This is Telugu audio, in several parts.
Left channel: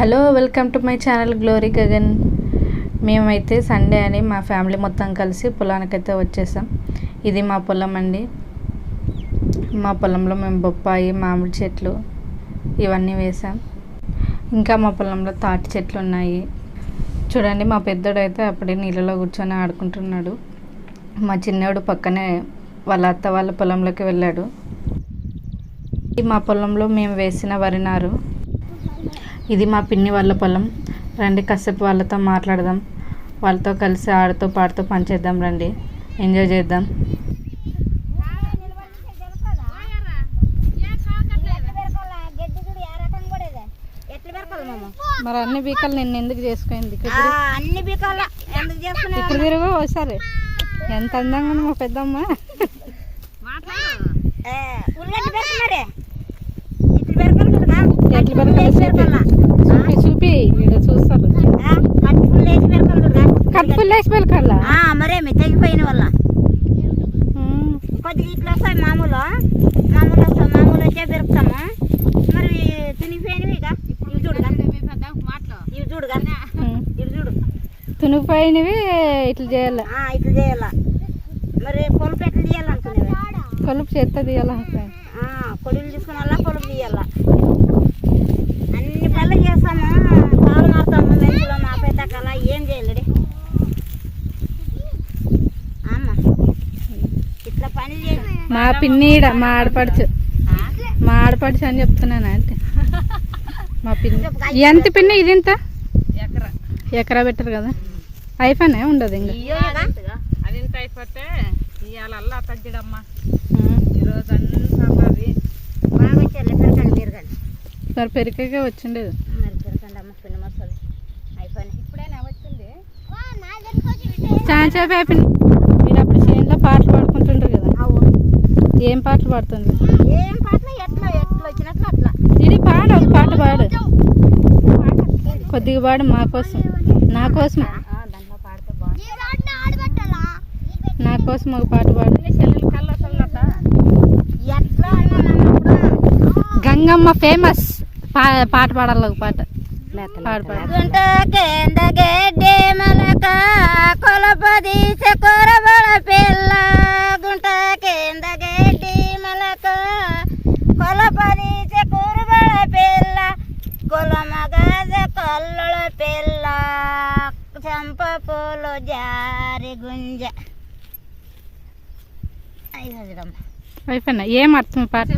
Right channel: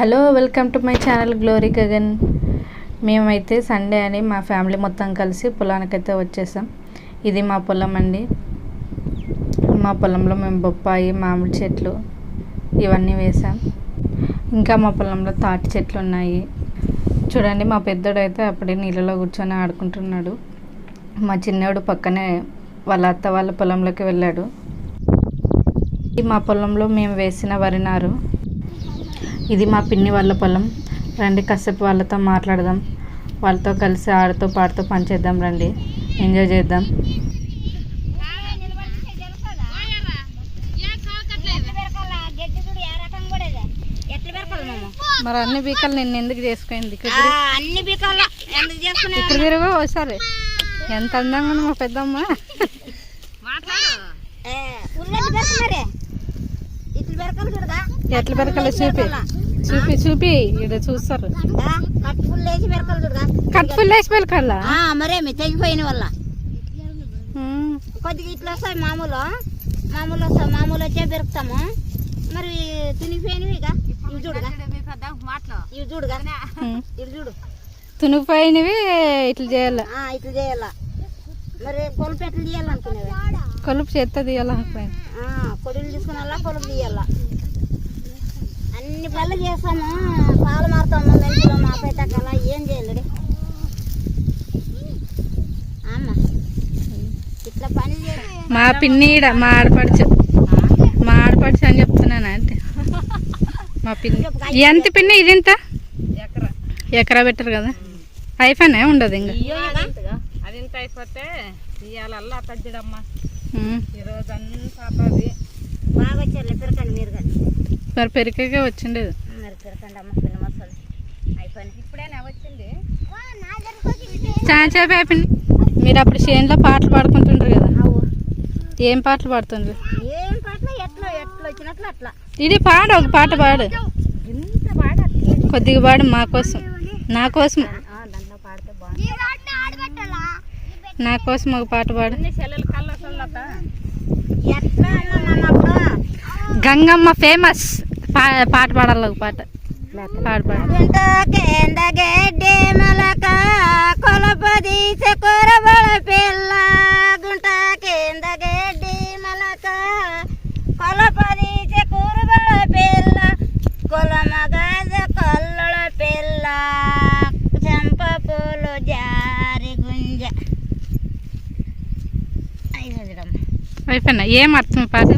Hello, welcome to my channel glory Gagan. మేమైతే సండే అని మా ఫ్యామిలీ మొత్తం కలిసి పొలానికైతే వచ్చేసాం. ఇది మా పొలం అండి. మా పొలంలో మేము బొప్పాయి, మామిడి చెట్లు ఇవన్నీ వేసాం. ఇంకా మా పొలంలో తాటి చెట్లు ఉన్నాయి. చూడండి, మా పెద్దోడు అయితే అప్పుడే నీళ్ళలో కూర్చొని ఆడుకుంటున్నాడు. మా చిన్నోడు పక్కనే వాళ్ళ అత్త వాళ్ళ పొలంలోకి వెళ్ళాడు. మా పొలంలో మేము వేసిన వరి నారు. ఇది మా పిన్ని వాళ్ళ పొలం. రండి, కాసేపు వాళ్ళతో మాట్లాడదాం. వాళ్ళతో కలిసి ఆడుతూ పాడుతూ పని చేద్దాం. రండి, ఎంజాయ్ చేద్దాం. మరి అన్ని బీకాలు నిన్ను ఎందుకు చేసుకుంది? అన్ని బీకాల ఎందుకు చేసుకున్నా? ఇక్కడ తిరుగు ఒకసారి. ఎంత అందంగా ఉంది మా పెద్దమ్మ. ఎట్ల బెరకలు చూపి చూపి ఇక్కడ చూస్తారు. కట్ ఫుల్ వేసి బెరకల్లా మరేమి తెగిపోయిన వల్ల కొద్దిగా ఇట్లా వస్తాయి. మామూలు వచ్చే బెరుకుతాము. మరి తినిగిపోయినవి ఇక ఇవి చూడుగా, ఇవి చూడుగా, ఇవి చూడు. తునిగిపోయినవి ఇట్లా చేయాల, ఇట్లా చేయాల. మరి కొలుపు ఎట్లా తీయాలనుకునేవి? కొలుపు చేస్తా తీయాల. కొడులు తీసుకుని కొలుపు తీయాల. అన్ని పనులు చేస్తాము. పాలు మారుతాము, మెంతులు మాపేటకల ఏం చేయలేడు. అమ్మా ఇట్లా పని చేయాలి. మా పిన్ని మా ఆడపడుచు అని చెప్తున్నాను. అంటే మా పిన్ని ఎంత పిన్ని ఇది ఇంత ఎకరా పెట్టరు కదా, అయిపోయినా ఉండదు ఇంకా. అది ఇంత అయిపోతే ఇవాళ అల్లా తగ్గడమ్మా. ఈరోజు అంతా బాగా చెల్లి పెరగండి మీరు కానీ. మరి పెరిగే వచ్చిండేది. పెరగండి అమ్మ, పిన్న మసాలి అయిపోయింది. ఇప్పుడేనా వచ్చింది? చాలాసేపు అయిపోయింది. మీరు అప్పుడు చేనులో పాటలు పాడుకుంటుండ్రు కదా, ఏం పాటలు పాడుతుండ్రు? ఏం పాటలు ఎట్లా వచ్చినట్లు అట్లా. ఇది పాడు, ఒక పాట పాడు, కొద్దిగా పాడు మా కోసం, నా కోసం, నా కోసం ఒక పాట పాడు. గంగమ్మ ఫేమస్ పాట పాడాలి, ఒక పాట పాడు పాడు. గడ్డి మలక కొలపదీసే కొరబడ పిల్ల, గుంట కింద గడ్డి మలక కొలపదీసే కొరబడ పిల్ల, కొలమగద కొల్లల పిల్ల, చెంప పూలు జారి గుంజ. అయిపోయినా ఏం అర్థం పాట?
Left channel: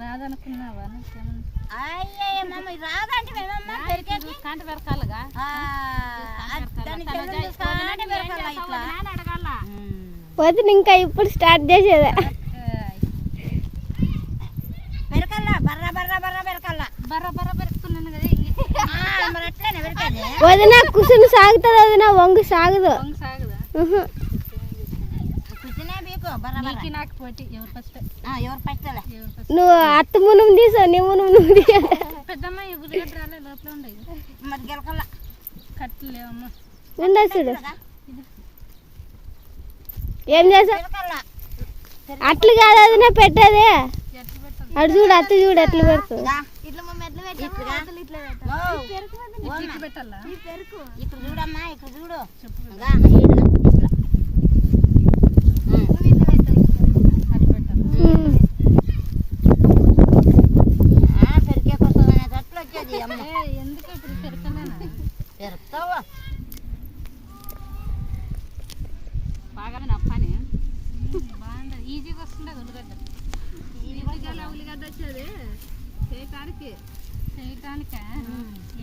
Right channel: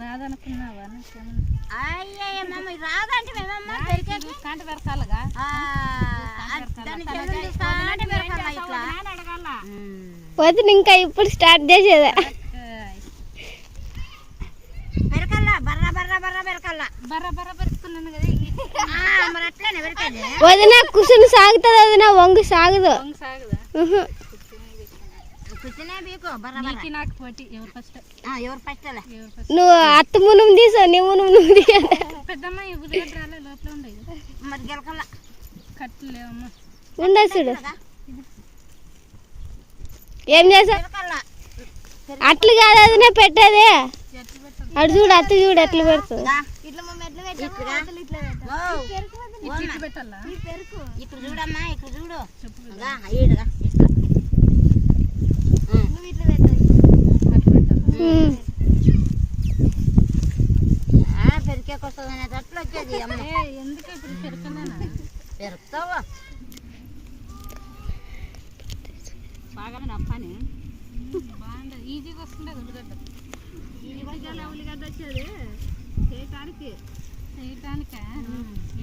రాదనుకున్నావా? వదిన ఇంకా ఇప్పుడు స్టార్ట్ చేసేదా? వదిన కుసుని సాగుతుంది, వదిన వంగు సాగదు. నువ్వు అత్త మునుము తీసావు, నీ మునుము నువ్వు తీయాలి. ఉండదు చూడు, ఏం చేసావు? అట్లు కాదు వదిన పెట్టేది. అటు చూడు, అత్త చూడు ఎట్లా పెడుతుంది. ఇక్కడ చూడమ్మా, ఇక్కడ చూడు. పెరికేకొస్తుంది అట్లా వచ్చేది. ఎందుకు ఇప్పుడు పెరుగుతావా బాగా పని బాగుండదు. ఈజీగా వస్తుండదు ఉల్లిగడ్డ. ఉల్లిగడ్డ వచ్చేది చేయటానికి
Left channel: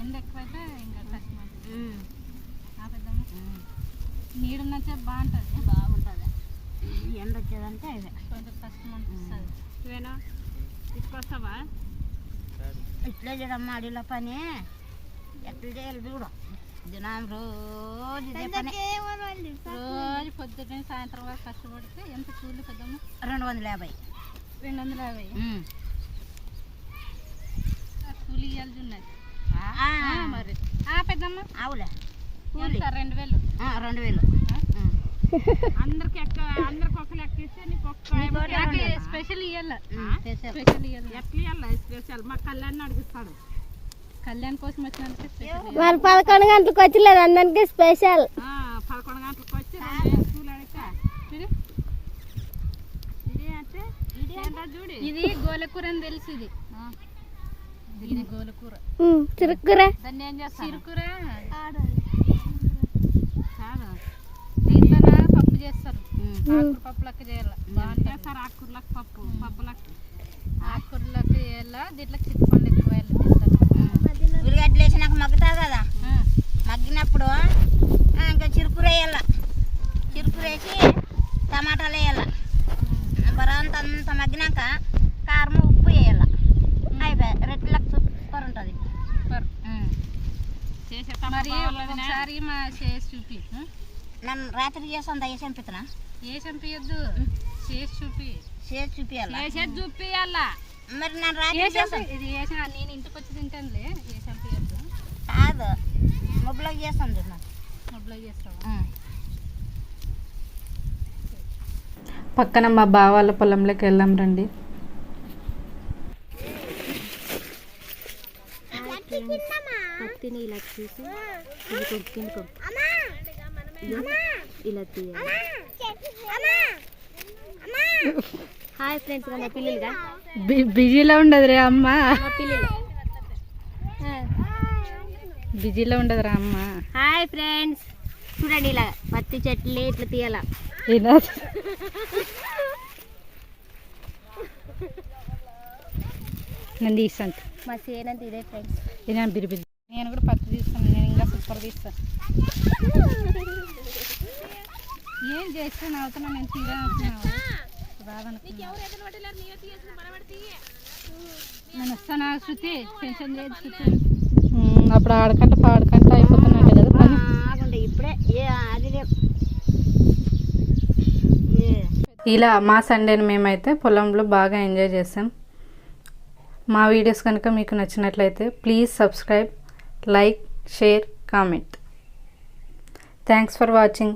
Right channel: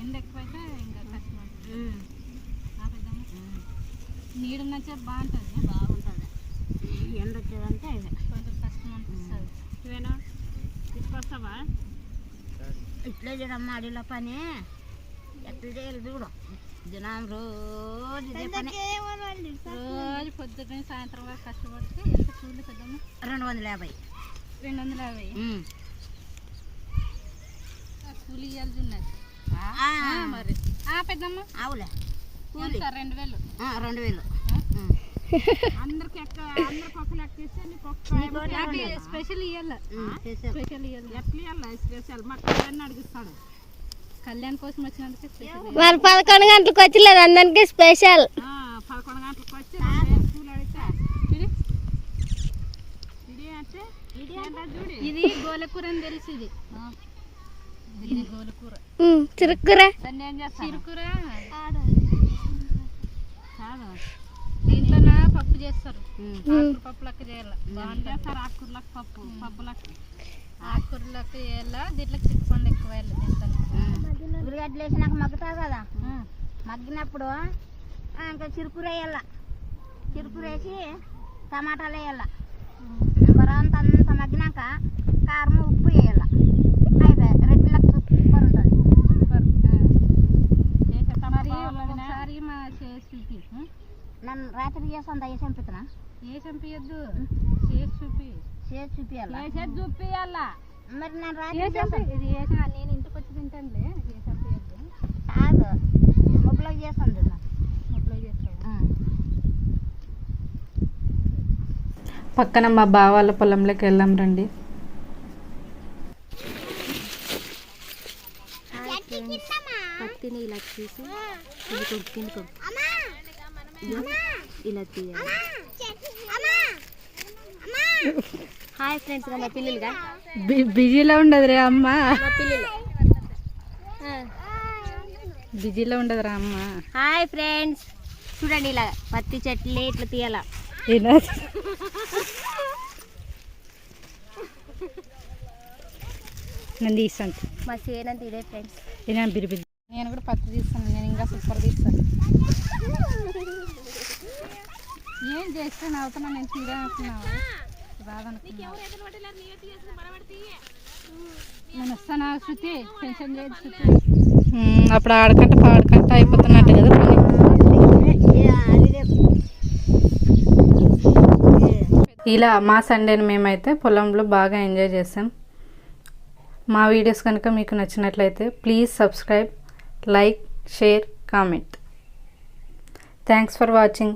ఎండ ఎక్కువైతే ఇంకా కష్టం. నీడు నచ్చే బాగుంటుంది. ఎండ వచ్చేదంటే కొంచెం కష్టం అనిపిస్తుంది. ఇవేనా తీసుకొస్తావా? ఇట్లా చూడమ్మా, అడిలో పని ఎట్లా చేయాలి చూడు. దినం రోజు పొద్దున్న సాయంత్రం వరకు కష్టపడితే ఎంత కూలి పెద్దమ్మ? 250. 250 కూలి ఇవ్వాలి ఉన్నది మరి. పెద్దమ్మ అవులే, 2000. 2000. అందరికి అందరికి ఒక లెక్క ఇస్తే నీకు ఒక స్పెషల్ ఇవ్వాలి. స్పెషల్ ఇవ్వాలి. ఎట్లా ఇవ్వాలి స్పెషల్? మా కళ్యాణ్ అడిగిస్తాడు. కళ్యాణ్ కోసం వచ్చినందుకే స్పెషల్. మరి 11 గంటలకు వచ్చిలేదు అందరికి స్పెషల్. 11 గంటలకు వచ్చి 2 పూలు అడిగితే ఇది గోలకూర అని తెలుసు. ఇది గోలకూర, చిరుకూర, దాన్ని ఏం చేస్తారు? చిరుకూర కాదు, దీంతో పప్పు చేస్తారు. పప్పులకి చేయాలి, బాగుంటుంది. ఆకుకూరలకు పప్పులకి ఆకుకూరలకు వేయాల. దీంట్లో చిక్కుపండు ఎక్కువ వేయాలి. ఉల్లిగడ్డలు వేసినాక మగ్గుతుంది కదా, మగ్గినప్పుడు ఇంకా చిరుకూర వేయాల. చిరుకూర వేసి టమాటాలు వేయాల. బరంత అంత మగ్గినాక కారం ఉప్పు వేయాల. అయిపోయి రెడ్లకు సూపర్ ఉంటుంది. సూపర్ మరి ఒకసారి మా చేసి చూపి. నన్ను రాత్రి చేస్తాను ఏ చంపుతున్నా? ఏ చంపియద్దు, చేసి చూపి. చేసి చూపియాల, చేసేది చూపియాలా. మరి నన్ను రాత్రి చేస్తాను. ఇది చేసిన నేను ఇంటికి వచ్చి తింటానులే. ఏ చంపియద్దు కాదు, మొబ్బలోకి చేస్తాను చూద్దాం. మొబ్బలో చేస్తావా? పక్కన మా బావ వాళ్ళ పొలంలోకి వెళ్దాం రండి. పత్తిని ఇలా తీసి ఇలా తీయాలి. హాయ్ ఫ్రెండ్స్, మా పిల్లలుగా బిజీలో ఉండదు రే అమ్మ, పిల్లలు. బిజీలో ఉండదు రా అమ్మ. హాయ్ ఫ్రెండ్స్, చూడండి ఇలా పత్తి చెట్లు ఇట్లా తీయాల. నేను తీస్తాను మా సేనంత ఇదే ఫ్రెండ్స్. నేను కూడా పత్తి తీస్తాను. నేను ఇంకా సూపర్ తీస్తాను. ఏం చేస్తాను అవుతున్నా నేను తీరానుకున్నావు రాదనుకున్నావు. నేను వస్తాను శృతి, టెన్షన్ చేయదు శృతి. అప్పుడు ఆడకంట పాడకంట అయిపోతున్నట్టు కదా పని. ఇలా మా సండేని మేమైతే పొలంలో బాగా ఎంజాయ్ చేసాం. మా వీడియోస్ కనుక మీకు నచ్చినట్లయితే please subscribe, like, share, comment. Thanks for watching.